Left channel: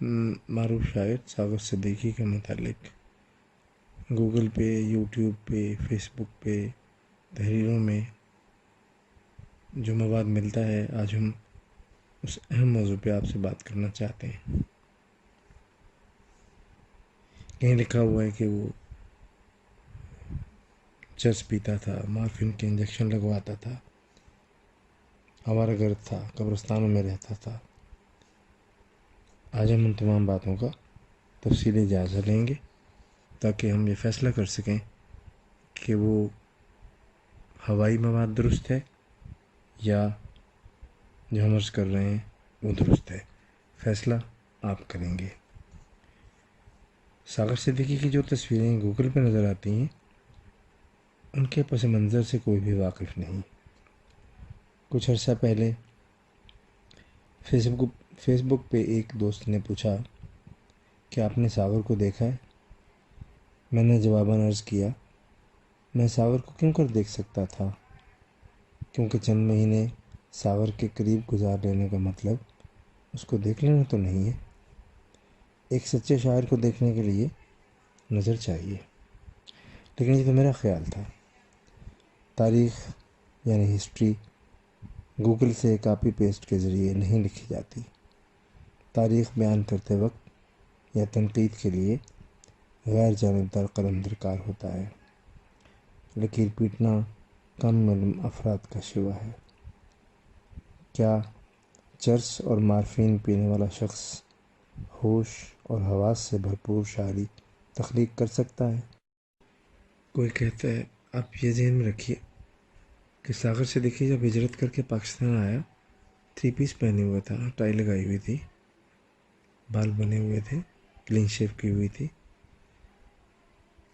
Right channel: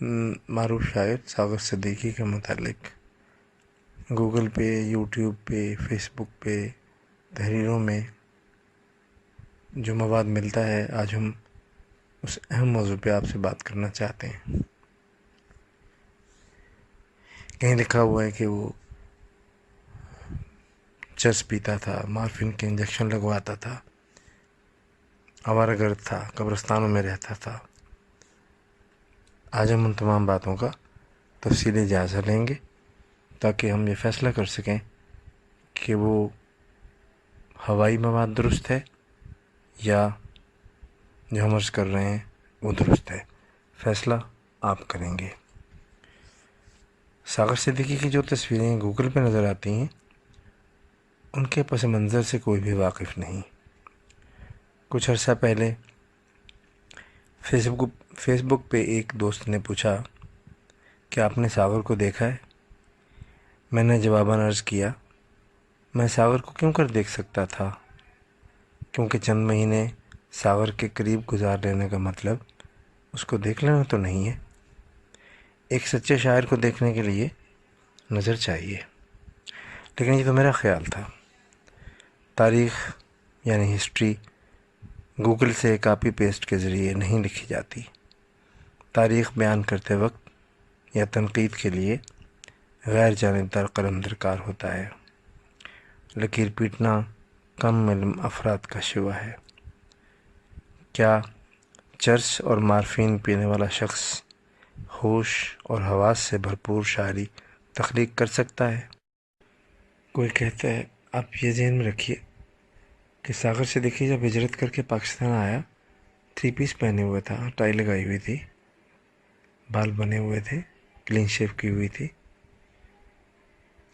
معروف شاعر ساغر صدیقی کے متعلق گوگل پہ، یوٹیوب پہ، فیس بک پہ تحریروں میں جو مواد ملتا ہے، آج ہم اس اہم موضوع پہ آپ سے بات کرنا چاہتے ہیں۔ کہیں لکھا ہوا ہے کہ وہ چرس پیتا تھا، مارفین کے انجیکشن لگواتا تھا، آوارہ گرد تھا، قبرستانوں میں رہتا تھا۔ آج ہم ان تمام باتوں کا تفصیلی جائزہ لیں گے تاکہ ہم یہ فیصلہ کر سکیں کہ وہ ہوائی مواد درست ہے یا جو ہم عرض کر رہے ہیں وہ درست ہے۔ فیصلہ آپ کریں گے۔ ساغر صدیقی کی جو تصویریں گوگل پہ نظر آتی ہیں ان کے پس منظر سے کوئی بھی واقف نہیں۔ کچھ عرصہ پہلے فیس بک پہ ایک دوست نے پوچھا کہ آپ نے ساغر کو دیکھا ہے؟ میں نے جواباً عرض کیا میں ساغر کو کیوں کر دیکھ سکتا تھا، کیونکہ چند مہینے ساغر کے قریب گزار لینے کا مطلب اس کو دیکھ لینا تو نہیں ہے۔ ایک سچے شاعر کو دیکھنے کے لیے نظر چاہیے، لیکن یہ تو میرا خیال تھا۔ تاریخ یعنی ہسٹری گوگل سے کاپی پیسٹ کے ذریعے نہیں لکھی جاتی۔ تاریخ بیان کرتے وقت یا تنقید کے لیے غیر جانبدار قلم درکار ہوتا ہے۔ لکیر پیٹنا کم علم افراد کا شیوا ہے۔ کیا چرس اور مارفین پینے والا شخص ہوش اور حواس سے بھرپور شاعری تخلیق کر سکتا ہے؟ کوئی کہتا ہے، آپ یہ ذہن میں رکھیے کہ ساغر صدیقی جب ہجرت کر کے پاکستان آیا 3 پیس پہنے ہوئے تھا، ٹائی لگائی ہوئی تھی، بال بنے ہوئے تھے، کلین شیو کی ہوئی تھی،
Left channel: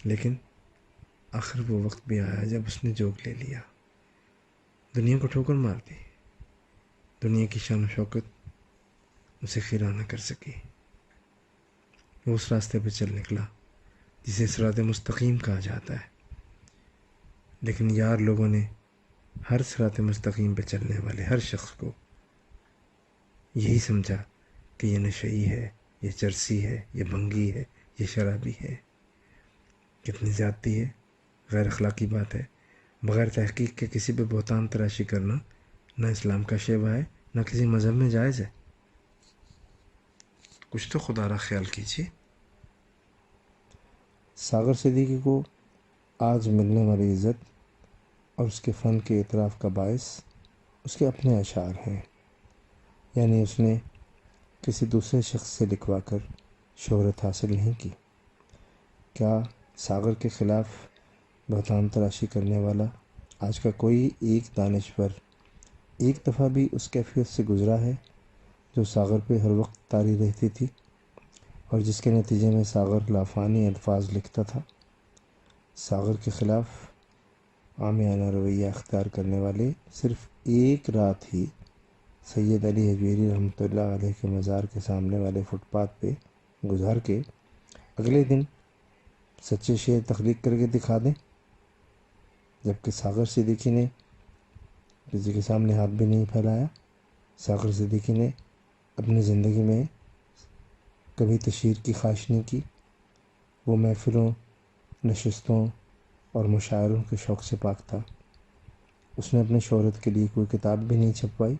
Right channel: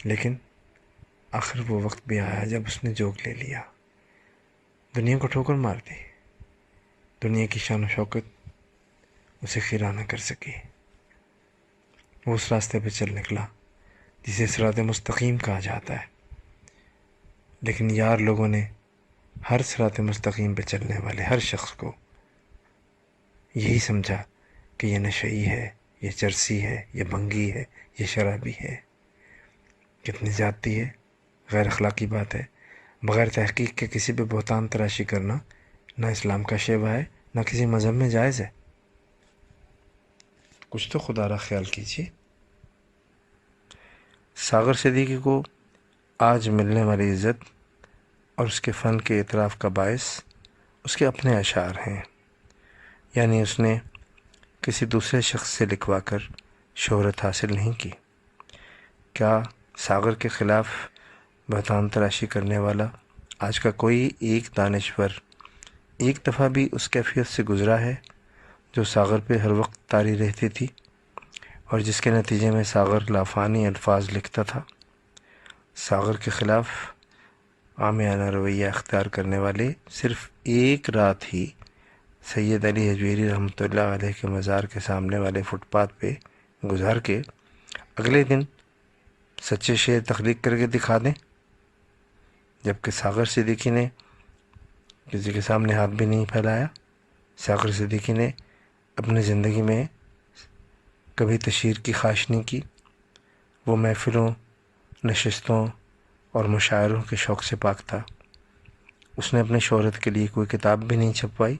لیکن آخر وہ وقت بھی آیا جب اس نے جوگ لے لیا، دنیا کو ٹھوکر مار دی، دنیا کی شان و شوکت اسے خیرہ نہ کر سکی۔ وہ اس راستے پہ چل نکلا جسے صراط مستقیم کہا جاتا ہے، لیکن یار لوگوں نے ہر صراط مستقیم پہ چلنے والے ہر شخص کو یہی سمجھا کہ یہ نشئی ہے، یہ چرسی ہے، یہ بھنگی ہے، یہ شرابی ہے۔ کتنی زیادتی ہے، غیر اخلاقی بات ہے۔ بغیر تحقیق کے کسی پہ بہتان تراشی کرنا نہ اسلام کا شیوا ہے نہ کسی مذہب میں جائز ہے۔ کچھ تو خدا را خیال کیجیے۔ ساغر صدیقی کو آج ملنے والی عزت اور اس کے فن کے اعتراف کا باعث اس کے اپنے اشعار ہیں، یعنی اس نے کسی دوسرے شخص سے لکھوا کر شہرت حاصل نہیں کی۔ کیا ساغر کے خلاف بہتان تراشی کرنے والا آج کا کوئی ایک دانشور ایک دفعہ بھی اس کیفیت سے گزرا ہے جو ساغر پہ ہر وقت طاری رہتی تھی اور جس کے نتیجے میں ساغر لافانی الفاظ لکھتا تھا؟ ساغر کے خلاف عامیانہ رویہ اختیار کرنے والے صرف ایک رات ہی سید علی حجویری رحمۃ اللہ علیہ کے مزار کے سامنے والے فٹ پاتھ پہ گزار کے اگلے دن سچے شعر تخلیق کر کے دکھا دیں، جبکہ ساغر صدیقی نے کسی کے سامنے ہاتھ بھی نہیں پھیلایا۔ ساغر صدیقی نے اپنی زندگی میں کبھی تشہیر کی خواہش نہیں کی۔ وہ محفلوں، نشستوں اور مشاعروں کے شوق سے پاک تھا۔ اس نے اپنی شہرت کے لیے کوئی کتاب بھی نہیں چھپوائی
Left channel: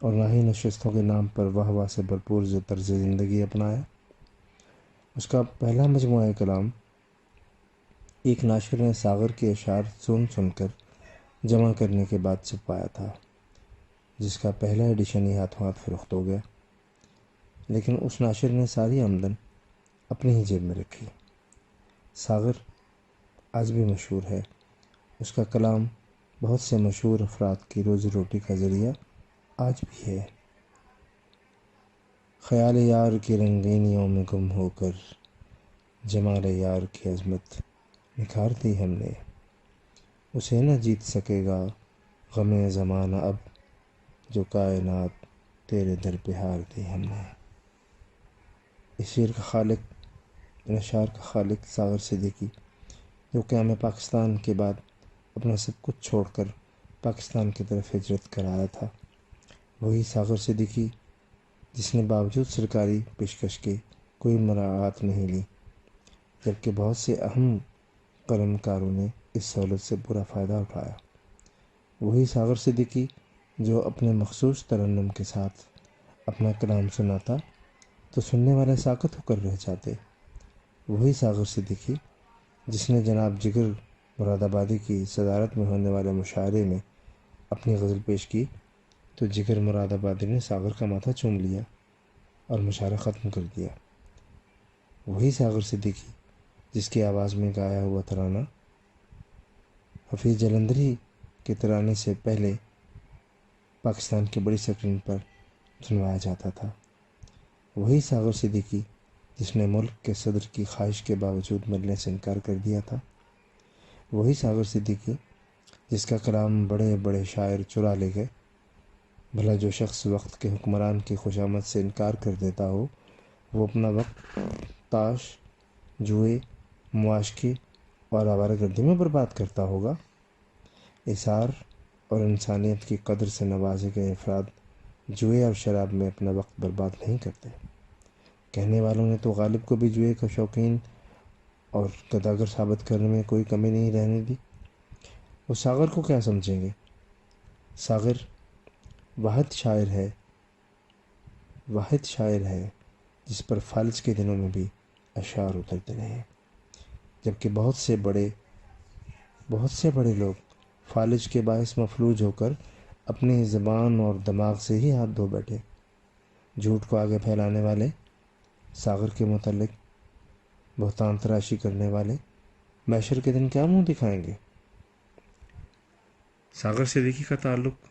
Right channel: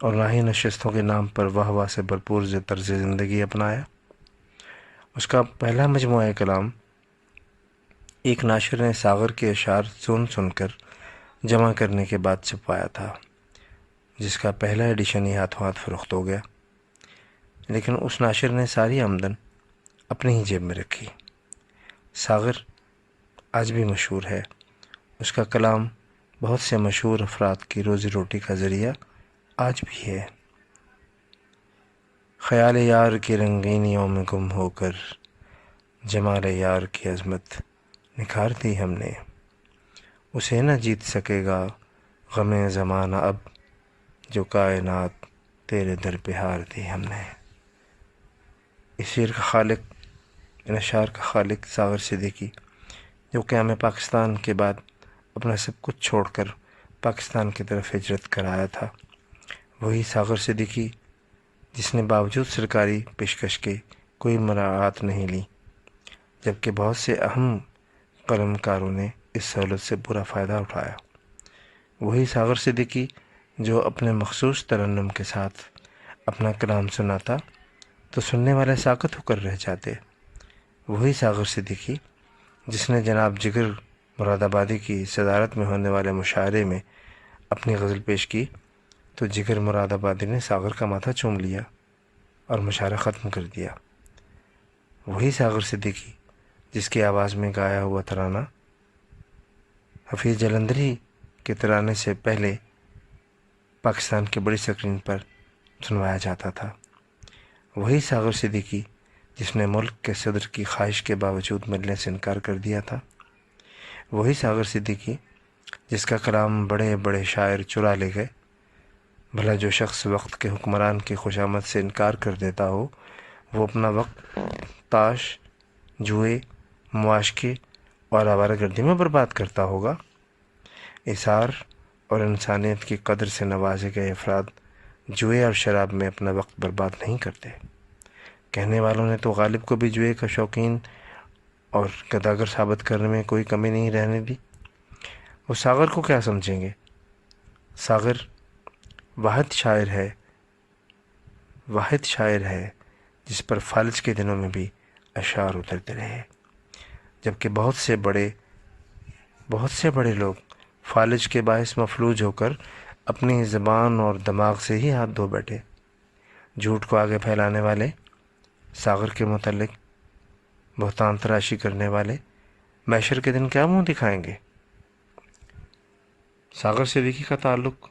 اور نہ ہی نشستوں کے نام پر واہ واہ سے بھرپور طرز زندگی اپنایا۔ اس کا پہلا مجموعہ کلام ایک ناشر نے ساغر کے اشعار سن کر جمع کرنے کے بعد چھپوایا تھا، جس کا پہلا ایڈیشن ہی ہاتھوں ہاتھ فروخت ہو گیا، لیکن اس ناشر نے ساری آمدن اپنی ہی جیب میں رکھی۔ ساغر آج بھی مشہور ہے۔ اس کا کلام بہت سے مشہور افراد کی روزی روٹی کا ذریعہ آج بھی ہے۔ خیال یار کی رنگینیوں میں گم ہو کر جمال یار کی عظمت نکھار دی ہم نے، اسے نہ جیت سکے گا غم زمانہ اب، جو کائنات تیرے در پہ ہار دی ہم نے۔ اس شعر کا خالق، ان اشعار کا خالق ساغر صدیقی، جو قیام پاکستان کے بعد اپنا سب کچھ چھوڑ کر پاکستان کی طرف ہجرت کر آیا تھا، وہی ساغر صدیقی جس نے باوجود سرکاری پیشکش کے کوئی مراعات نہیں لی، جبکہ بہت سے اہم قلم کاروں نے اس سہولت سے برا فائدہ اٹھایا۔ وہی ساغر صدیقی جو اپنے مخصوص ترنم کے ساتھ اپنا کلام سناتا تو سننے والے ساکت ہو کر رہ جاتے۔ وہی ساغر صدیقی جس نے جناب جگر مراد آبادی کی صدارت میں ہونے والے مشاعرے میں اپنی غزل پیش کی تو جگر مراد آبادی نے ساغر کا ماتھا چوم لیا اور مشاعرہ ختم کر دیا۔ وہی ساغر صدیقی جس کی آواز میں گایا ہوا ترانہ حفیظ جلندھری کے ترانے سے پہلے پاکستان کی بڑی اسکرین پر سنوایا جاتا تھا۔ وہی ساغر صدیقی جس نے ملک کے صدر کی خواہش کے باوجود ملنے سے انکار کر دیا تھا۔ وہی ساغر صدیقی جس کا کلام بڑے بڑے شاعر چرا لے گئے۔ بھلا جو شخص وقت کے حکمران کی خوشامد سے انکار کر دیتا ہو وہ اپنا وقت تاش، جوئے، معاشقے اور آوارہ گردی میں برباد کرتا ہوگا۔ اثار اور انسانیت کی قدر سے نوازے گئے افراد جوئے اور شراب میں اپنا وقت برباد نہیں کرتے۔ کہنے والوں نے تو غالب کو بھی جوئے کا شوقین اور گداگر ثابت کرنے میں کوئی کمی نہیں رہنے دی۔ وہ ساغر کو کیا سمجھیں گے؟ ساغر واحد شاعر ہے جس پر فالج کے دنوں میں بھی اشعار اترتے رہے، جبکہ بہت سے بڑے لوگ فالج کے باعث مفلوج ہو کر اپنی زبان اور دماغ سے ہی ہاتھ دھو بیٹھے۔ جھوٹ کو آگے پھیلانے والے، ساغر کے متعلق بہتان تراشی کرنے والے محشر کے دن کیا منہ دکھائیں گے؟ ساغر صدیقی کا تعلق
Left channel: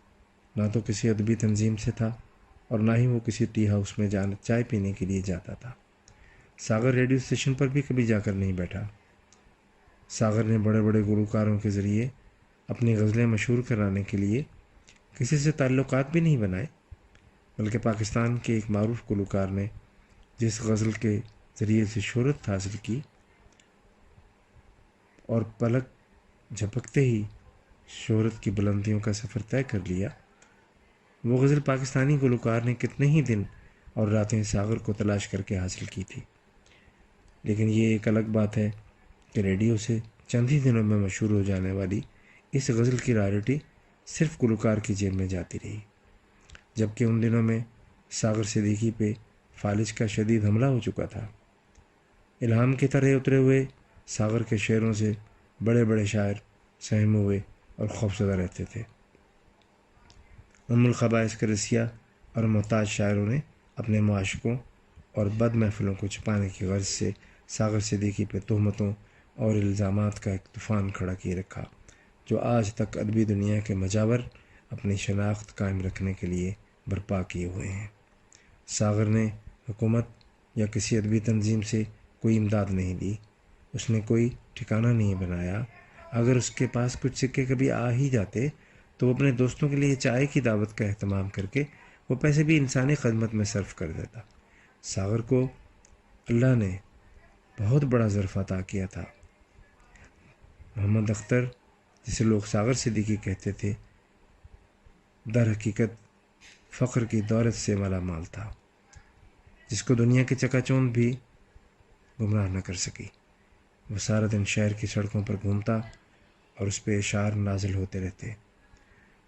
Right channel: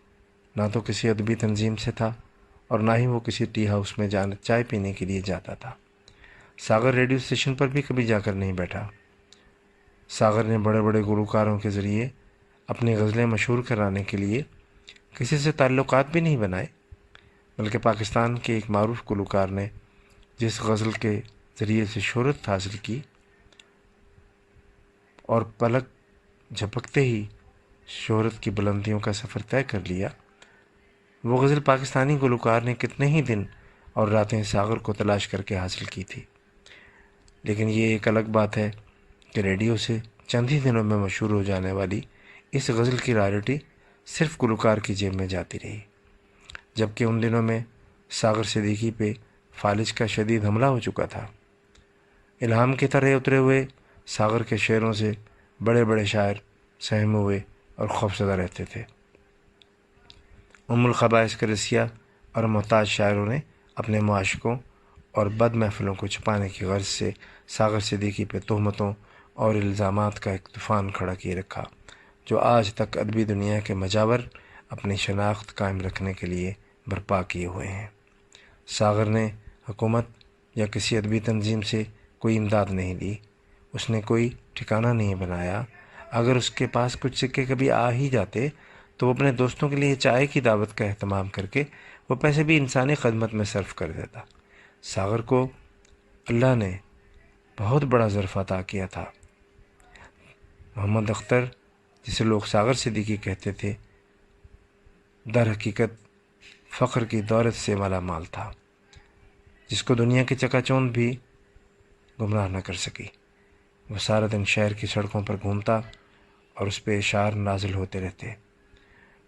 نہ تو کسی ادبی تنظیم سے تھا اور نہ ہی وہ کسی ٹی ہاؤس میں چائے پینے کے لیے جاتا تھا۔ ساغر ریڈیو اسٹیشن پر بھی کبھی جا کر نہیں بیٹھا۔ ساغر نے بڑے بڑے گلوکاروں کے ذریعے اپنی غزلیں مشہور کرانے کے لیے کسی سے تعلقات بھی نہیں بنائے، بلکہ پاکستان کے ایک معروف گلوکار نے جس غزل کے ذریعے سے شہرت حاصل کی اور پلک جھپکتے ہی شہرت کی بلندیوں کا سفر طے کر لیا، وہ غزل پاکستانی گلوکار نے کتنے ہی دن اور راتیں ساغر کو تلاش کر کے حاصل کی تھی۔ لیکن یہ ایک الگ بات ہے کہ ریڈیو سے چند ہی دنوں میں مشہور ہو جانے والی اس غزل کی رائلٹی صرف گلوکار کی جیب میں جاتی رہی، جبکہ ان دنوں میں ساغر صدیقی پہ فالج کا شدید حملہ ہو چکا تھا۔ الہام کی طرح اترے ہوئے ساغر کے شعروں سے بڑے بڑے شاعر سہم ہوئے اور خوفزدہ رہتے تھے۔ الخبائث کے رسیا اور محتاج شاعروں نے اپنے معاشقوں اور بد محفلوں کو چھپانے کی غرض سے ساغر صدیقی پہ تہمتوں اور الزامات کا ایک طوفان کھڑا کیے رکھا، جو آج تک ادبی دنیا کے مجاور اپنی شناخت قائم رکھنے کے لیے برپا کیے ہوئے ہیں۔ ساغر نے حکومت یا کسی ادبی تنظیم سے کوئی امداد نہیں دی، اس نے کوئی ٹھکانہ نہیں بنایا۔ اگر اس کے پاس کچھ سکے کبھی آ ہی جاتے تو وہ اپنے دوستوں کے لیے چائے کی دعوت کا اہتمام کر کے وہ پیسے بھی انسانی خدمت میں صرف کر دیتا۔ ساغر کو اللہ نے بہت بڑا ظرف عطا کیا تھا۔ محمد اختر جسے لوگ ساغر صدیقی کہتے تھے، در حقیقت فقر کی دولت سے مالا مال تھا، جس کو دنیا کی چکا چوند بھی گمراہ نہ کر سکی۔ وہ سارا دن شہر کی سڑکوں پر گھومتا اور اس پہ اشعار نازل ہوتے رہتے۔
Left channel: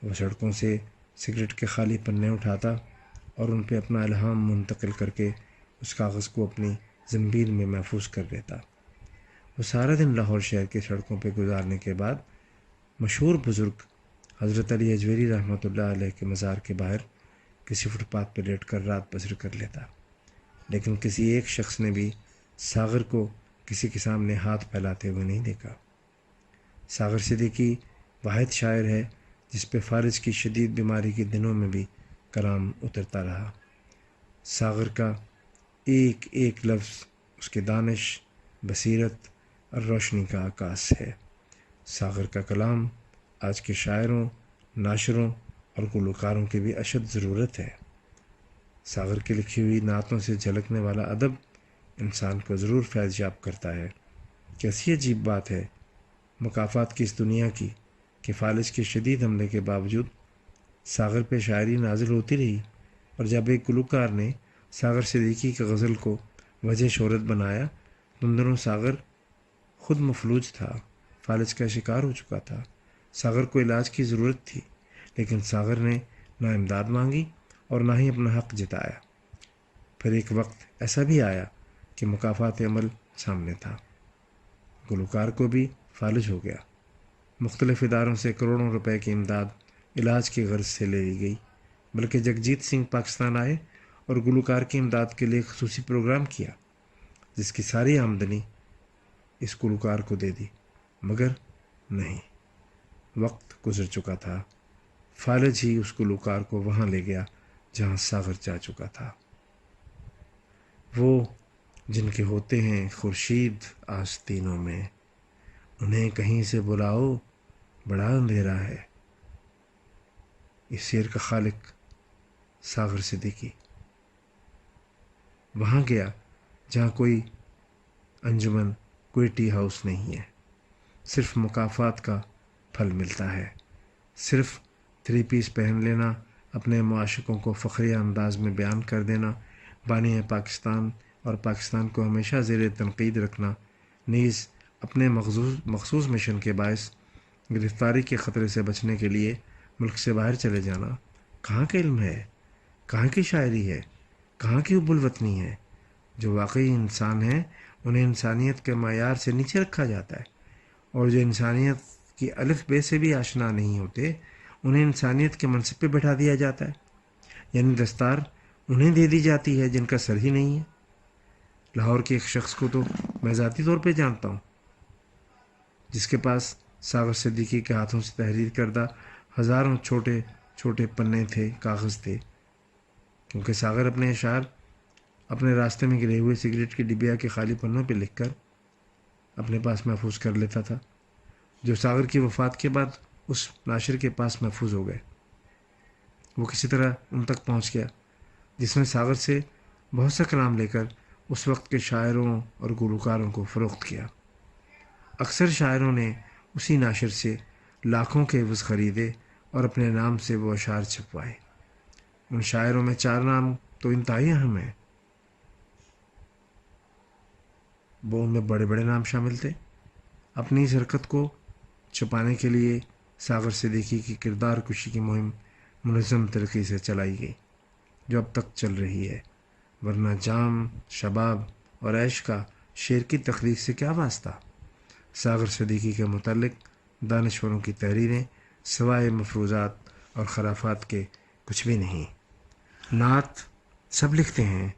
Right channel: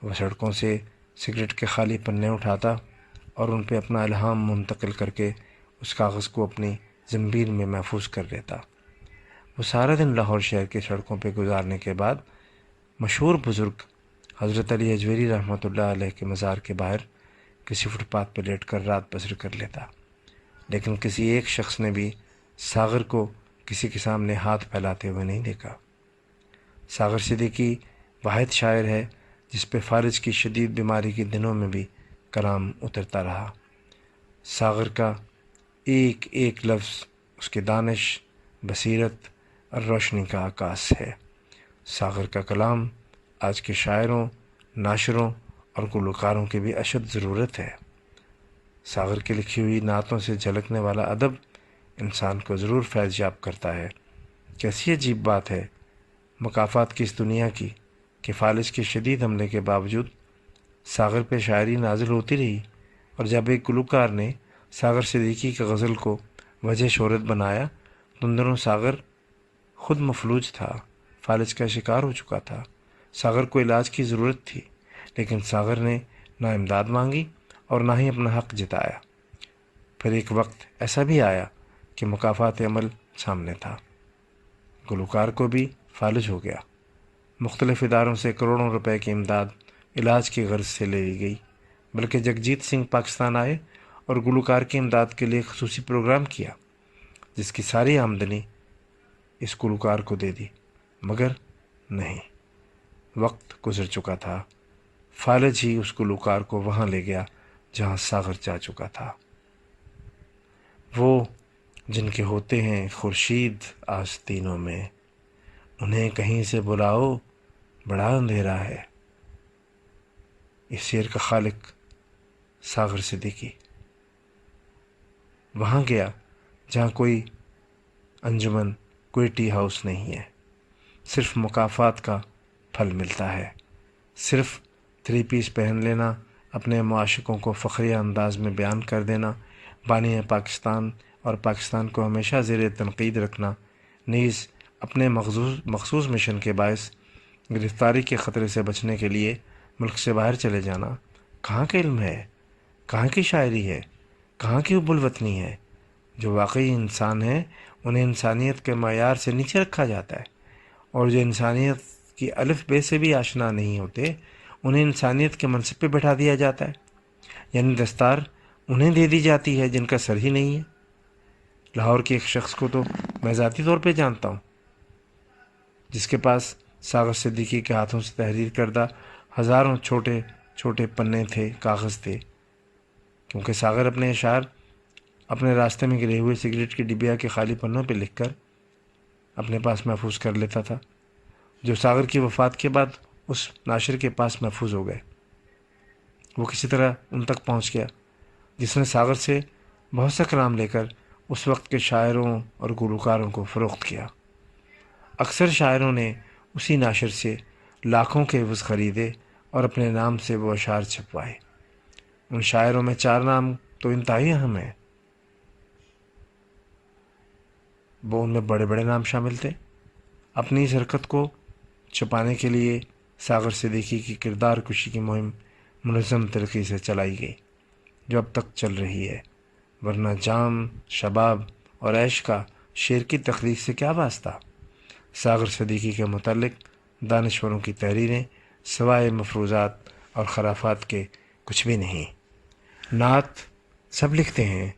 وہ سڑکوں سے سگریٹ کے خالی پنے اٹھاتا اور ان پہ اپنا الہام منتقل کر کے اس کاغذ کو اپنی زنبیل میں محفوظ کر لیتا۔ وہ سارا دن لاہور شہر کی سڑکوں پہ گزارنے کے بعد مشہور بزرگ حضرت علی اجویری رحمۃ اللہ علیہ کے مزار کے باہر کسی فٹ پاتھ پہ لیٹ کر رات بسر کر لیتا۔ لیکن کسی ایک شخص نے بھی ساغر کو کسی کے سامنے ہاتھ پھیلاتے ہوئے نہیں دیکھا۔ ساغر صدیقی واحد شاعر ہے جس پہ فالج کی شدید بیماری کے دنوں میں بھی کلام اترتا رہا۔ ساغر کا ایک ایک لفظ اس کے دانش، بصیرت اور روشنی کا عکاس ہے۔ ساغر کا کلام آج کے شاعروں، ناشروں اور گلوکاروں کی بھی اشد ضرورت ہے۔ ساغر کی لکھی ہوئی نعتوں سے جھلکنے والا ادب انسان کو ضرور فیض یاب کرتا ہے۔ کیسی عجیب بات ہے مکافات کی اس دنیا کی کہ فالج کے شدید حملے کے باوجود ساغر پہ شاعری نازل ہوتی رہی، اور جب ایک گلوکار نے ساغر صدیقی کی غزل کو وجہ شہرت بنایا تو ان دنوں ساغر خود مفلوج تھا، فالج کا شکار ہو چکا تھا۔ ساغر کو علاج کی ضرورت تھی، لیکن ساغر نے نہ امداد مانگی اور نہ ہی اپنا حق جتایا۔ پھر ایک وقت ایسا بھی آیا کہ مکافات عمل سامنے تھا، گلوکار کو بھی فالج ہو گیا۔ مختلف اداروں سے کروڑوں روپے کی امداد علاج کی غرض سے لے لی گئی، بلکہ جگجیت سنگھ پاکستان آئے اور گلوکار کی امداد کے لیے خصوصی پروگرام کیا، جس کی ساری آمدنی اس گلوکار کو دے دی، مگر نہیں، وقت گزر چکا تھا۔ فالج ہی اس گلوکار کو وہاں لے گیا جہاں ساغر جا چکا تھا۔ وہ جن کے ہوتے ہیں خورشید آستینوں میں، انہیں کہیں سے بلاؤ، بڑا اندھیرا ہے۔ اس شعر کا خالق ساغر صدیقی وہاں گیا جہاں کوئی انجمن، کوئی ٹی ہاؤس نہیں ہے، صرف مکافات کا پھل ملتا ہے، صرف 3 پیس پہن لینا، اپنے معاشقوں کو فخریہ انداز میں بیان کر دینا، بانی پاکستان اور پاکستان کو ہمیشہ زیر تنقید رکھنا، نیز اپنے مخصوص مشن کے باعث گرفتاری کے خطرے سے بچنے کے لیے ملک سے باہر چلے جانا۔ کہاں کا علم ہے، کہاں کی شاعری ہے، کہاں کی حب الوطنی ہے؟ جو واقعی انسان ہیں انہیں انسانیت کے معیار سے نیچے رکھا جاتا ہے، اور جو انسانیت کی الف بے سے بھی آشنا نہیں ہوتے انہیں انسانیت کے منصب پہ بٹھا دیا جاتا ہے، یعنی دستار انہیں دے دی جاتی ہے جن کا سر ہی نہیں ہے۔ لاہور کے ایک شخص کو تو میں ذاتی طور پہ جانتا ہوں، جس کے پاس ساغر صدیقی کے ہاتھوں سے تحریر کردہ ہزاروں چھوٹے چھوٹے پنے تھے، کاغذ تھے، کیونکہ ساغر اپنے اشعار اپنے راستے میں گرے ہوئے سگریٹ کی ڈبیا کے خالی پنوں پہ لکھ کر اپنے پاس محفوظ کر لیتا تھا، جو ساغر کی وفات کے بعد اس ناشر کے پاس محفوظ ہو گئے۔ وہ کسی طرح ان تک پہنچ گیا جس نے ساغر سے بہت سا کلام لے کر اس وقت کے شاعروں اور گلوکاروں کو فروخت کیا۔ اکثر شاعروں نے اسی ناشر سے لاکھوں کے عوض خریدے اور اپنے نام سے وہ اشعار چھپوائے۔ ان شاعروں میں 4 نام تو انتہائی اہم ہیں، وہ ان میں بڑے بڑے نام شامل تھے۔ اپنی اس حرکت کو چھپانے کے لیے ساغر صدیقی کی کردار کشی کی مہم منظم طریقے سے چلائی گئی، جو اب تک چل رہی ہے، ورنہ جام، شباب اور عیش کا شعر کی تخلیق سے کیا واسطہ؟ ساغر صدیقی کے متعلق دانشوروں کی تحریریں سوائے مفروضات اور خرافات کے کچھ بھی نہیں۔ نعت سب لکھتے ہیں،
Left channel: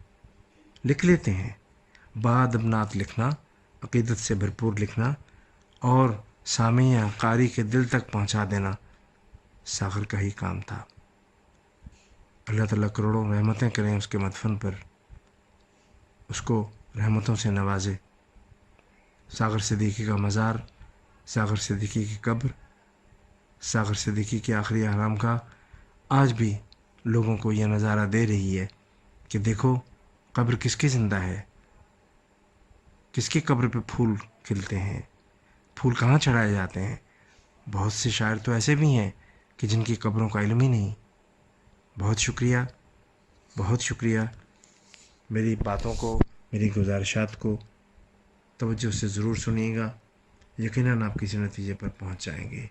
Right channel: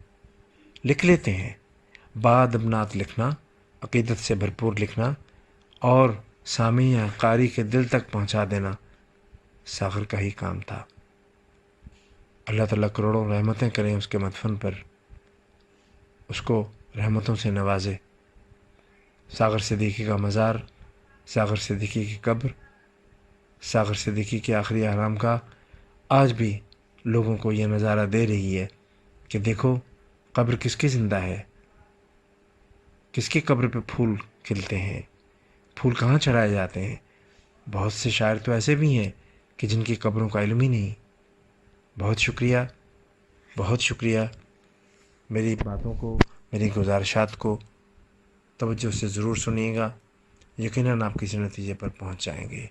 لکھ لیتے ہیں، بعد اب نعت لکھنا، عقیدت سے بھرپور لکھنا اور سامع قاری کے دل تک پہنچا دینا ساغر کا ہی کام تھا۔ اللہ تعالیٰ کروڑوں رحمتیں کریں اس کے مدفن پر، اس کو رحمتوں سے نوازے۔ ساغر صدیقی کا مزار، ساغر صدیقی کی قبر، ساغر صدیقی کی آخری آرام گاہ آج بھی لوگوں کو یہ نظارہ دے رہی ہے کہ دیکھو قبر کس کی زندہ ہے، کس کی قبر پہ پھول کھلتے ہیں، پھول کہاں چڑھائے جاتے ہیں۔ بہت سے شاعر تو ایسے بھی ہیں کہ جن کی قبروں کا علم ہی نہیں۔ بہت شکریہ، بہت شکریہ۔ میری باتوں کو، میری گزارشات کو توجہ سے ضرور سنیے گا، یقیناً آپ کسی نتیجے پر پہنچ جائیں گے۔